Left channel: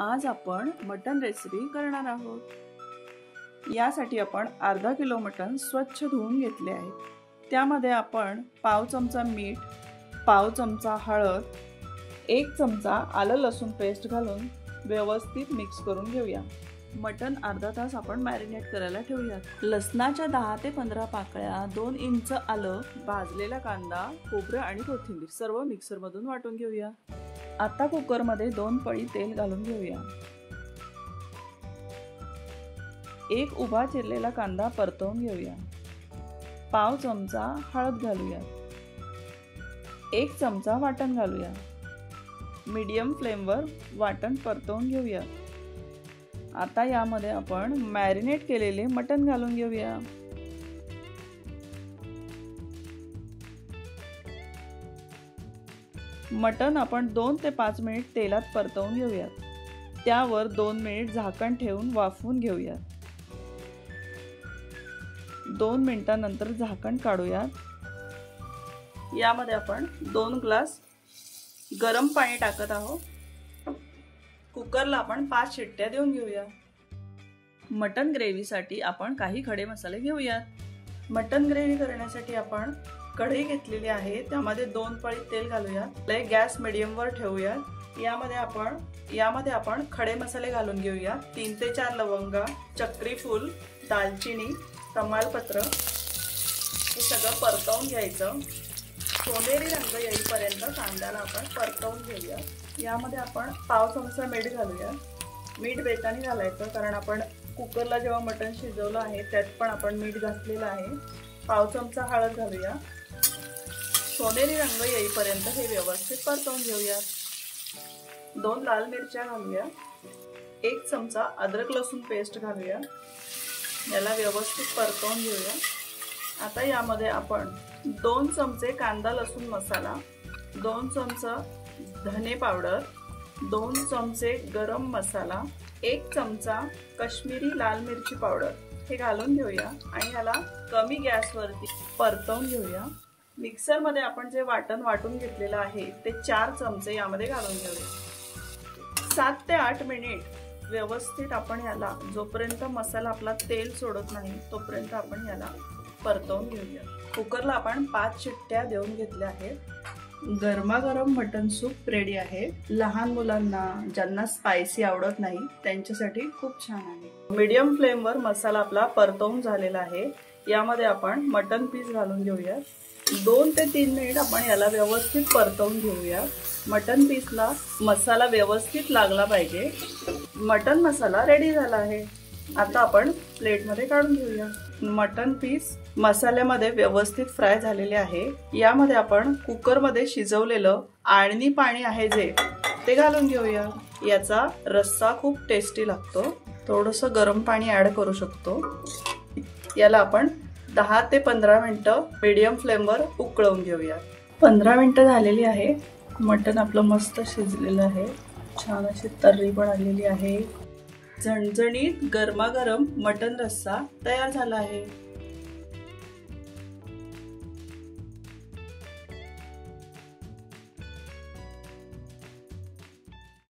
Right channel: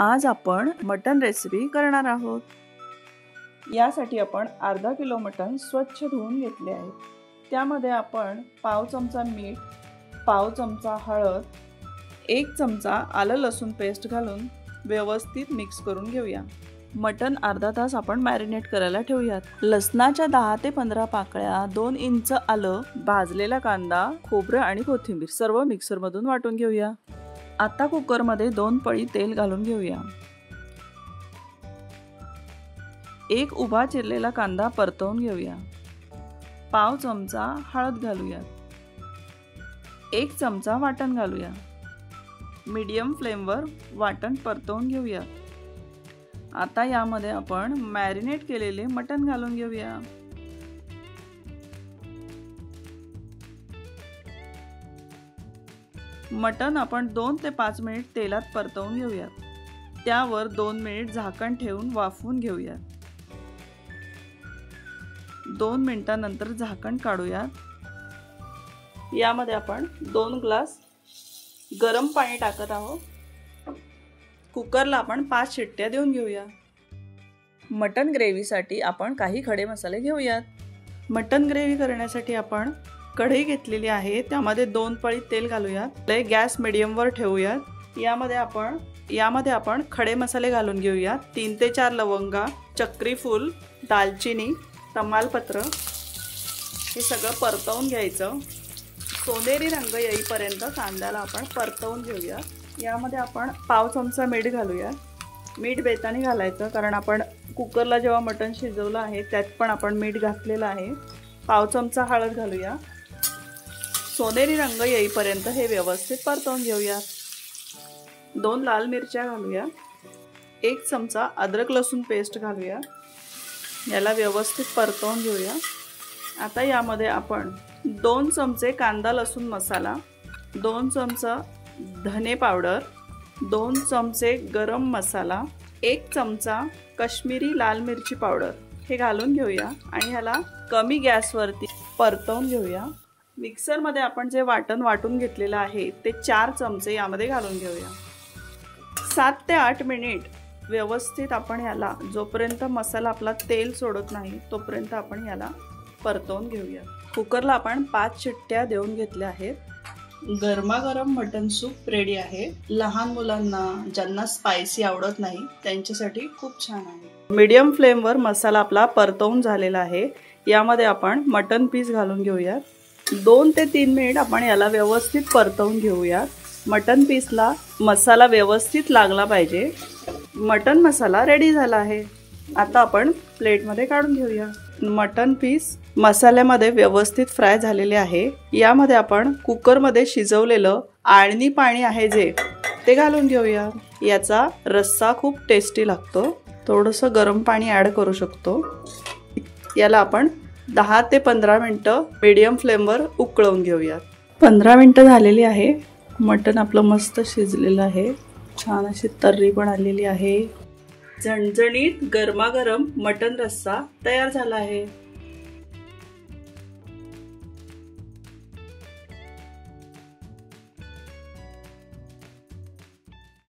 आज आपण मटण रेसिपी करणार आहोत। यासाठी आपण अर्धा किलो मटण स्वच्छ धुवून घेतले आहे। त्यामध्ये आपण पाव चमचा मीठ, पाव चमचा हळद, 1 चमचा आलं लसूण पेस्ट घालून व्यवस्थित मिक्स करून घेऊया। मटण अर्धा तास आपण मॅरिनेट करायला ठेवूयात। लसणाच्या 10 ते 15 पाकळ्या, 2 इंच आलं, भाजलेला कांदा, खोबरं आणि कोथिंबीर सर्व मिक्सर मधून वाटून घेऊया। आता कुकर मध्ये 2 पळी तेल घालून घेऊया। 1 उभा चिरलेला कांदा परतवून घेऊया। पाव चमचा हळद घालूया। 1 चमचा वाटण घालूया। मीडियम फ्लेमवर वाटण परतवून घेऊया। आता यामध्ये आपण मॅरिनेट केलेले मटण घालून घेऊया। मटण आपण 2 ते 5 मिनिट तेलात परतवून घेऊया। त्यावर 2 मिनिट झाकण ठेवून वाफवून घेऊया। 2 मिनिटांनंतर झाकण काढूया। यामध्ये आपण 2 ग्लास गरम पाणी टाकत आहोत। कुकरला आपण 5 शिट्ट्या देऊन घेऊया। मटण ग्रेव्हीसाठी आपण काही खडे मसाले घेऊयात। मटण ग्रेव्ही करण्यासाठी आपण कढई घेतलेली आहे, त्यामध्ये 2 पळी तेल घालूया। गॅस मीडियम वर ठेवूया। यामध्ये आपण खडे मसाले घालून घेऊया। 3 ते 4 लवंगा, चक्री फूल, दालचिनी, तमालपत्र हे सगळं परतवून घ्यायचं। सोनेरी रंग येईपर्यंत कांद्याला आपण परतवून घेऊया। यामध्ये आपण पाव चमचा मीठ घालूया। मीठ बेताने घालायचं, कारण आपण कुकरला जेव्हा मटण शिजवलं आहे त्यात पण आपण मीठ घातलेलं आहे। पाव चमचा हळद घालूया। सोनेरी रंग येईपर्यंत हे व्यवस्थित परतवून घेऊया। 2 लाल मिरच्या घालूया। 1 चमचा अद्रक लसूण पेस्ट घालूया। याला व्यवस्थित परतवून घेऊया। आता यामध्ये आपण 2 चमचे कांदा लसूण मसाला, 2 चमचा धने पावडर, 2 चमचे गरम मसाला, 1 चमचा काश्मीरी लाल मिरची पावडर हे घालून घेऊया आणि याला कमी गॅसवरती परतवून घेऊया। मिक्सर मध्ये आपण जे वाटण वाटून घेतलेलं आहे ते 4 चमचे यामध्ये घालून घेऊया। 7 ते 8 मिनिट व्यवस्थित आपण याला, जोपर्यंत मसाला आपला तेल सोडत नाही तोपर्यंत आपण याला परतवून घेऊया। कुकरला आपण 5 शिट्ट्या देऊन घेतल्या आहेत। गरमागरम मटण सूप रेडी आहे। लहान मुलांना ज्यांना स्पायसी आवडत नाही त्यांच्यासाठी खूप छान आहे। मीडियम फ्लेमवर मसाला आपला परतवून झालेला आहे। यामध्ये आपण मटण पीस घालून घेऊया। 2 ते 3 मिनिट आपण याला व्यवस्थित परतवून घेऊया। मटण पीसला मसाला व्यवस्थित लागला पाहिजे। मटण मसाला रेडी झाला आहे। आता आपण प्लेटमध्ये काढून घेऊया। मटण पीस मसाल्यामध्ये व्यवस्थित फ्राय झालेले आहे। यामध्ये आपण कुकरमध्ये शिजवलेलं आळणी पाणी आहे जे ते घालून घेऊया। याचा रस्सा खूप टेस्टी लागतो। थोडंसं गरम पाणी ऍड करू शकतो। याला आपण 10 ते 15 मिनिटं मीडियम फ्लेमवर उकळवून घेऊया। 15 मिनिटं झालेली आहे। मटण आपलं मस्त शिजलेलं आहे। छान अशी तर्री पण आलेली आहे। झणझणीत गरमागरम मटण रस्सा तयार झाला आहे।